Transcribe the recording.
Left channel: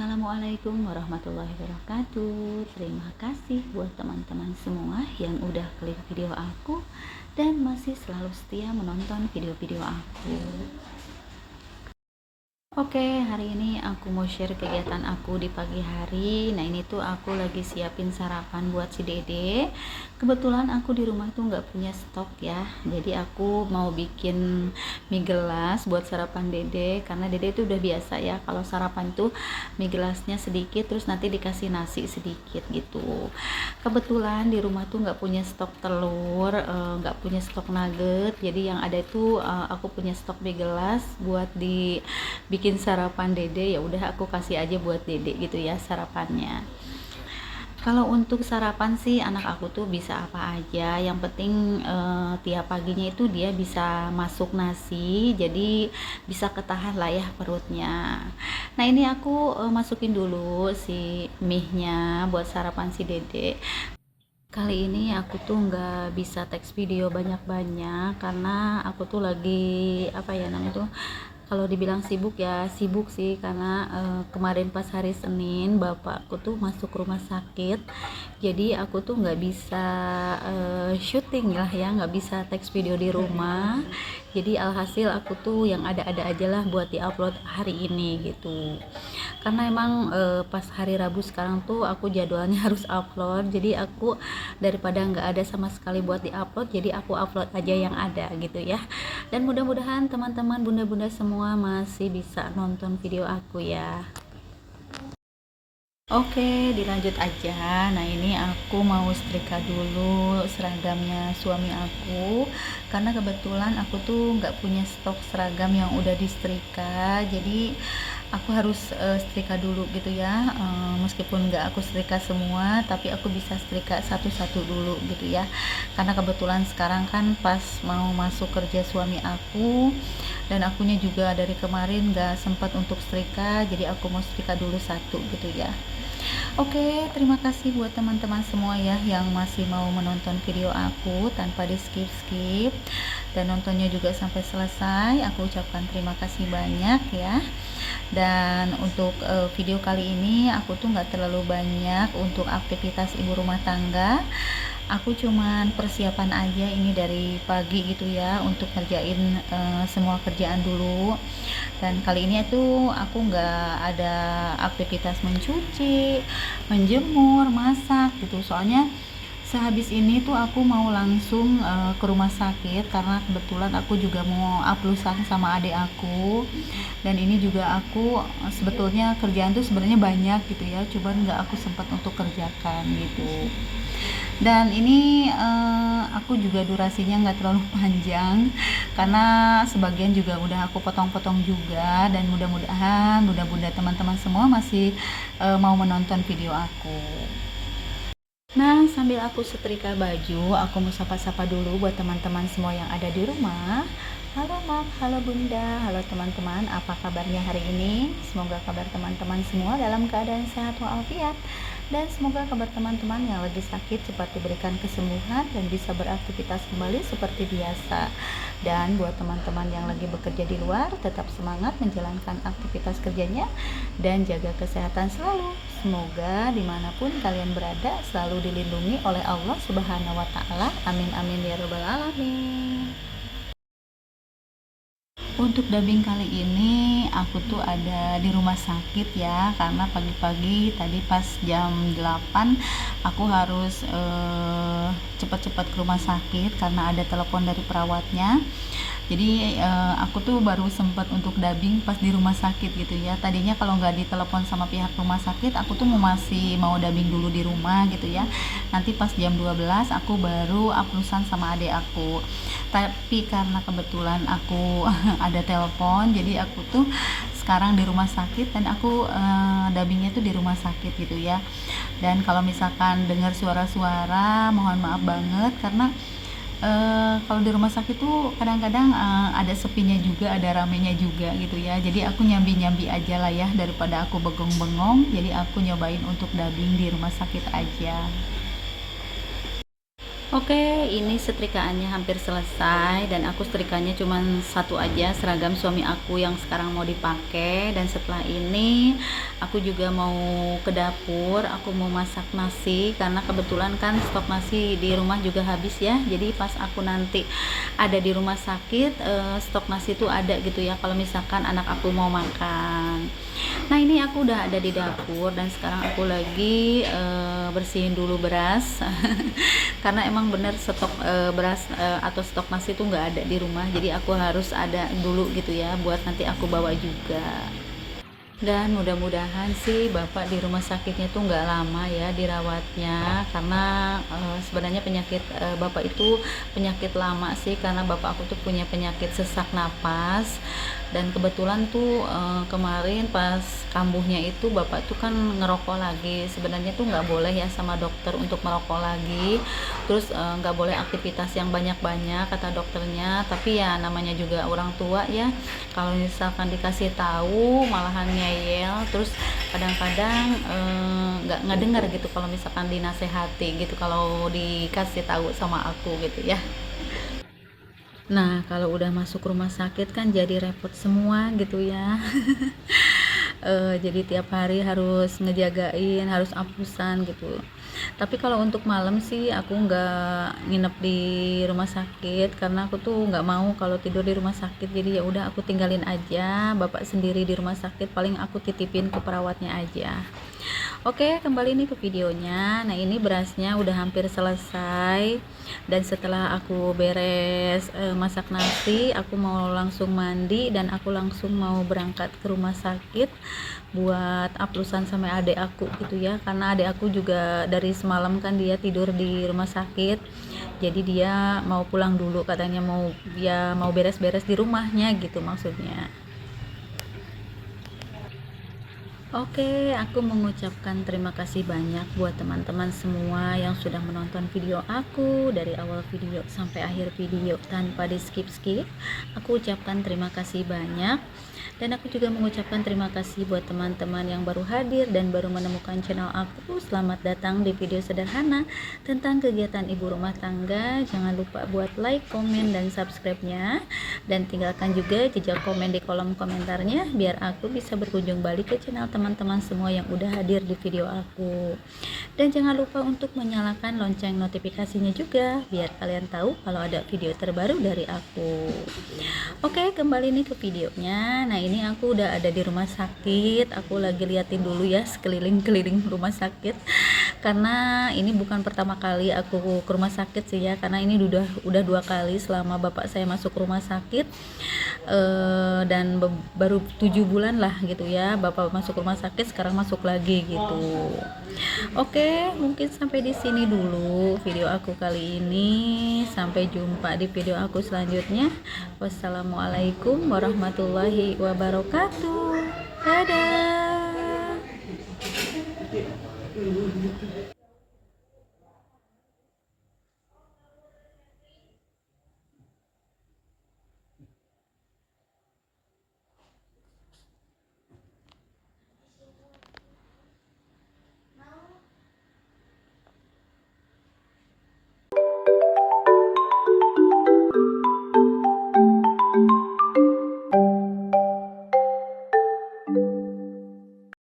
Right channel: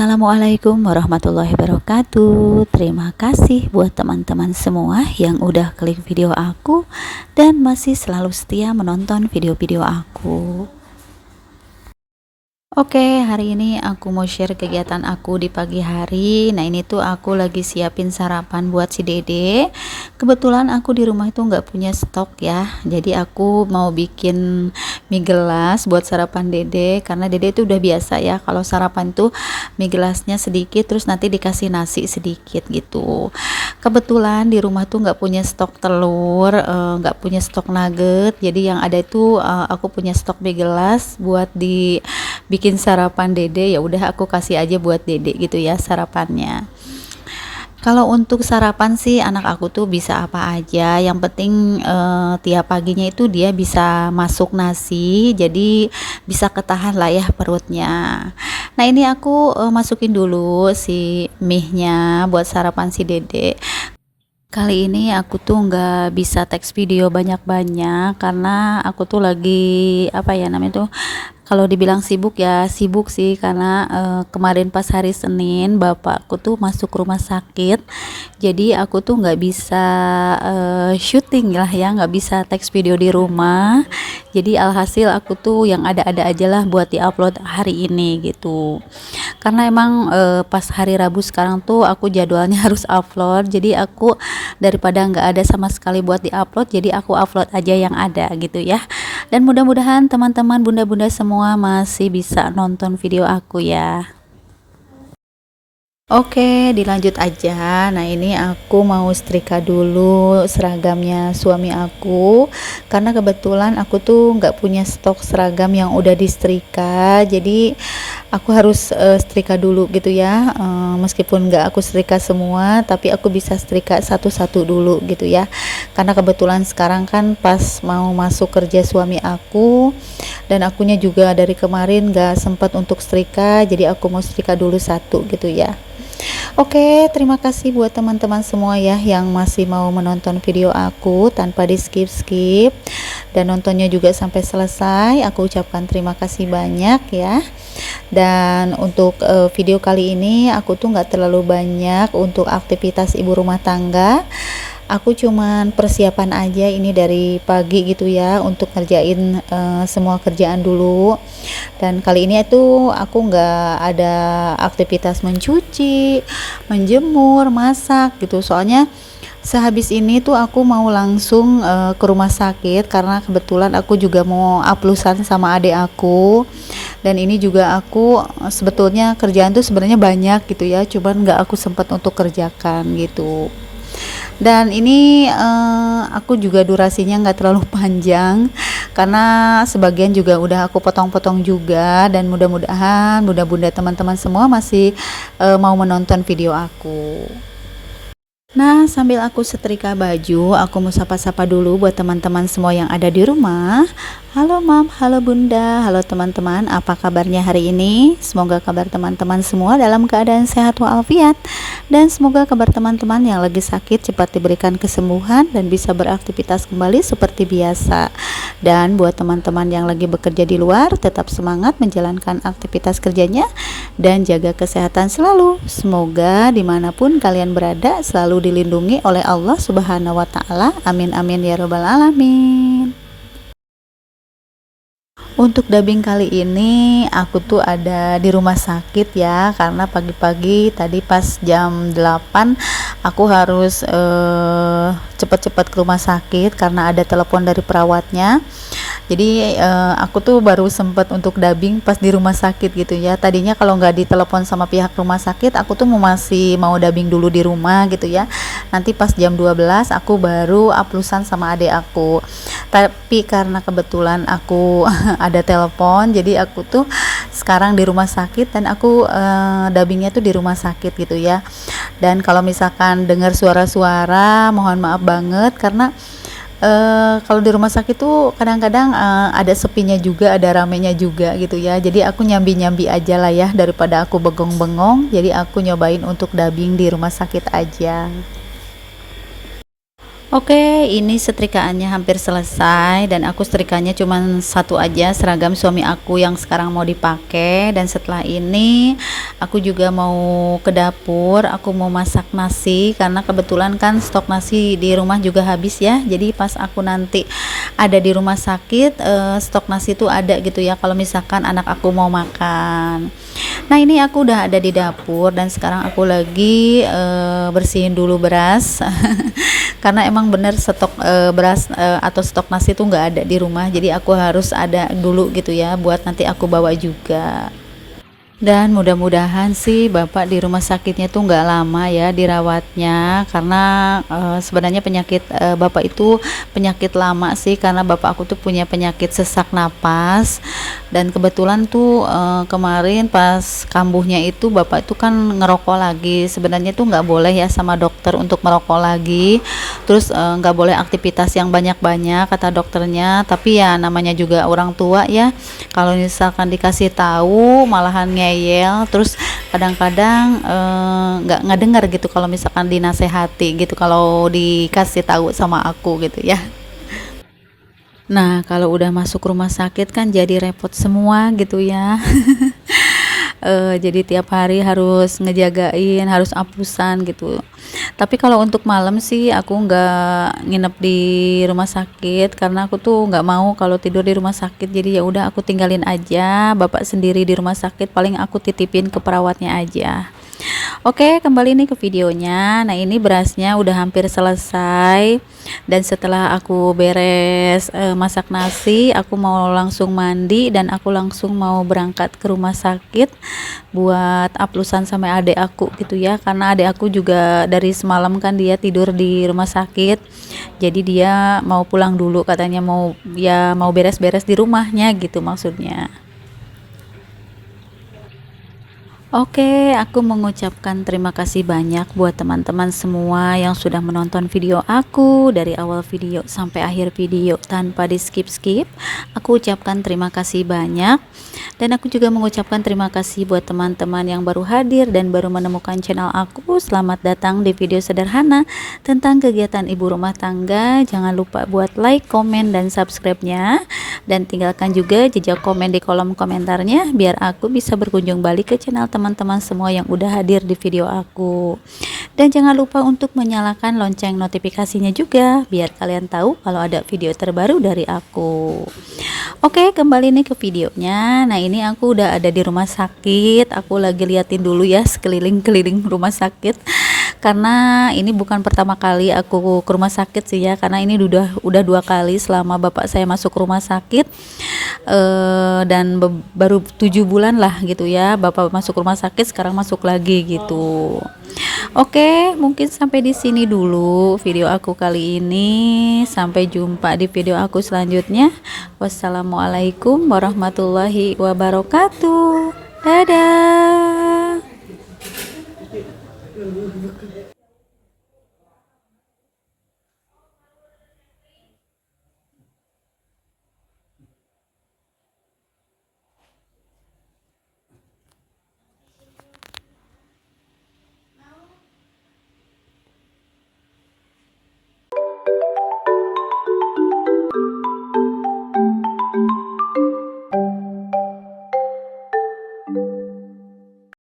Assalamualaikum warahmatullahi wabarakatuh. Terima kasih buat teman-teman semua yang udah klik video aku dan masih selalu setia menonton video-video aku. Oke, hari ini aku mau share kegiatan aku di pagi hari. Nah, ini tuh aku lagi siapin sarapan buat si Dede. Kebetulan aku di rumah itu nggak punya stok ya. Jadi aku mau bikin mie gelas buat sarapan Dede. Karena Dede itu udah biasa ya. Kalau sarapan tuh mie gelasnya sedikit, terus nanti dikasih nasi sedikit gitu. Kebetulan di rumah tuh nggak punya stok telur, nggak punya stok nugget. Jadi yang ada itu aku punya stok mie gelas buat bikin sarapan Dede. Ya udah aku kasih aja buat Dede gitu ya sarapannya. Kalau untuk sarapan sih anak aku tuh bisa apa aja, yang penting tiap paginya itu dia bisa masuk nasi, jadi bisa ketahan lah ya perutnya. Nah, ini aku masukin dulu si mie-nya buat sarapan si Dede. Kali ini aku tuh nggak bisa teks video banyak-banyak karena aku tuh lagi apa ya namanya tuh, kalau dibilang sibuk ya sibuk sih karena kemarin pas hari Senin bapakku tuh masuk rumah sakit, jadi aku tuh nggak bisa syuting lah ya, nggak bisa teks video di rumah. Jadi alhasil aku tuh yang ada-ada aja lah buat diupload hari ini gitu. Karena emang pas hari Rabu sekarang tuh aku jadwalnya harus upload, jadi aku daripada nggak ada sama sekali buat diupload, jadi aku upload aja yang ada gitu ya. Dan mudah-mudahan teman-teman bunda-bunda semua masih bisa nonton video aku ya. Oke, dilanjut aja. Nah, ini aku mau setrika dulu seragamnya suami aku, karena kebetulan aku tuh nggak punya stok seragam yang udah disetrika, jadi aku harus setrika dulu gitu ya. Meskipun nggak aku setrika semua, tapi aku bisa setrika satu-satu dulu gitu ya, karena kebetulan sekarang kan pas mau masuk kerja suami aku, dan akunya juga dari kemarin nggak sempat untuk setrika, jadi aku mau setrika dulu satu gitu ya. Oke, terima kasih buat teman-teman semua ya yang masih mau menonton video aku tanpa di skip-skip dan nontonnya juga sampai selesai. Aku ucapkan terima kasih banyak ya. Dan untuk video kali ini aku tuh nggak terlalu banyak untuk aktivitas ibu rumah tangga. Aku cuman persiapan aja ini dari pagi gitu ya, untuk ngerjain semua kerjaan dulu. Dan kali ini itu aku nggak ada aktivitas mencuci, menjemur, masak gitu, soalnya sehabis ini tuh aku mau langsung ke rumah sakit karena kebetulan aku juga mau aplusan sama adik aku. Dan ini juga aku sebetulnya kerjaan tuh sebenarnya banyak gitu ya, cuman nggak aku sempat untuk kerjakan gitu. Dan ini aku juga durasinya nggak terlalu panjang karena sebagian juga udah aku potong-potong juga, dan mudah-mudahan bunda-bunda teman-teman semua masih mau menonton video aku. Nah, sambil aku setrika baju, aku mau sapa-sapa dulu buat teman-teman semua yang ada di rumah. Halo Mam, halo Bunda, halo teman-teman, apa kabarnya hari ini? Semoga kabar teman-teman semua dalam keadaan sehat walafiat, dan semoga kabar teman-teman yang lagi sakit cepat diberikan kesembuhan dan bisa beraktivitas kembali seperti biasa. Dan buat teman-teman yang lagi bekerja di luar, tetap semangat menjalankan aktivitas kerjanya dan jaga kesehatan selalu. Semoga dimanapun kalian berada selalu dilindungi oleh Allah Subhanahu wa Ta'ala. Amin amin ya Rabbal alamin. Untuk dubbing kali ini aku tuh ada di rumah sakit ya, karena pagi-pagi tadi pas jam 8 aku harus cepet-cepet ke rumah sakit karena ada telepon dari perawatnya. Jadi aku tuh baru sempet untuk dubbing pas di rumah sakit gitu ya. Tadinya kalau nggak ditelepon sama pihak rumah sakit, aku tuh masih mau dubbing dulu di rumah gitu ya. Nanti pas jam 12 aku baru aplusan sama adik aku. Tapi karena kebetulan aku ada telepon, jadi aku tuh sekarang di rumah sakit dan aku dubbingnya tuh di rumah sakit gitu ya. Dan kalau misalkan dengar suara-suara, mohon maaf banget karena kalau di rumah sakit tuh kadang-kadang ada sepinya juga, ada ramenya juga gitu ya. Jadi aku nyambi-nyambi aja lah ya, daripada aku bengong-bengong. Jadi aku nyobain untuk dubbing di rumah sakit aja. Oke, ini setrikaannya hampir selesai dan aku setrikanya cuma satu aja, seragam suami aku yang sekarang mau dipakai. Dan setelah ini aku juga mau ke dapur, aku mau masak nasi karena kebetulan kan stok nasi di rumah juga habis ya. Jadi pas aku nanti ada di rumah sakit, stok nasi itu ada gitu ya kalau misalkan anak aku mau makan. Nah, ini aku udah ada di dapur dan sekarang aku lagi bersihin dulu beras. Karena emang bener stok beras atau stok nasi itu nggak ada di rumah, jadi aku harus ada dulu gitu ya buat nanti aku bawa juga. Dan mudah-mudahan sih bapak di rumah sakitnya tuh nggak lama ya dirawatnya, karena sebenarnya penyakit bapak itu penyakit lama sih, karena bapak aku tuh punya penyakit sesak napas. Dan kebetulan tuh kemarin pas kambuhnya itu bapak itu kan ngerokok lagi. Sebenarnya tuh nggak boleh ya sama dokter untuk merokok lagi, terus nggak boleh aktivitas yang banyak-banyak kata dokternya. Tapi ya namanya juga orang tua ya, kalau misalkan dikasih tahu malahan ngeyel, terus kadang-kadang nggak dengar gitu kalau misalkan dinasehati gitu, kalau dikasih tahu sama aku gitu ya. Nah, kalau udah masuk rumah sakit kan jadi repot semua gitu ya. Jadi tiap hari harus ngejagain, harus apusan gitu. Tapi kalau untuk malam sih aku nggak nginep di rumah sakit karena aku tuh nggak mau kalau tidur di rumah sakit. Jadi ya udah aku tinggalin aja bapak sendiri di rumah sakit, paling aku titipin ke perawatnya aja. Oke, kembali nih ke videonya. Nah, ini berasnya udah hampir selesai. Dan setelah aku beres masak nasi, aku mau langsung mandi dan aku langsung mau berangkat ke rumah sakit buat aplusan sama adik aku gitu ya. Karena adik aku juga dari semalam kan dia tidur di rumah sakit. Jadi dia mau pulang dulu, katanya mau beres-beres di rumahnya gitu maksudnya. Oke, aku mengucapkan terima kasih banyak buat teman-teman semua yang sudah menonton video aku dari awal video sampai akhir video tanpa di skip-skip. Aku ucapkan terima kasih banyak. Dan aku juga mengucapkan terima kasih buat teman-teman yang baru hadir dan baru menemukan channel aku. Selamat datang di video sederhana tentang kegiatan ibu rumah tangga. Jangan lupa buat like, komen, dan subscribe-nya. Dan tinggalkan juga jejak komen di kolom komentarnya biar aku bisa berkunjung balik ke channel teman-teman semua yang udah hadir di video aku. Dan jangan lupa untuk menyalakan lonceng notifikasinya juga biar kalian tahu kalau ada video terbaru dari aku. Oke, kembali nih ke videonya. Nah, ini aku udah ada di rumah sakit. Aku lagi liatin dulu ya sekeliling-keliling rumah sakit. Karena ini bukan pertama kali aku ke rumah sakit sih ya. Karena ini udah 2 kali selama bapak saya masuk rumah sakit. Dan baru 7 bulan lah gitu ya. Bapak masuk rumah sakit, sekarang masuk lagi gitu. Oke, mungkin sampai di sini dulu video aku kali ini. Sampai jumpa di video aku selanjutnya. Wassalamualaikum warahmatullahi wabarakatuh. Dadah.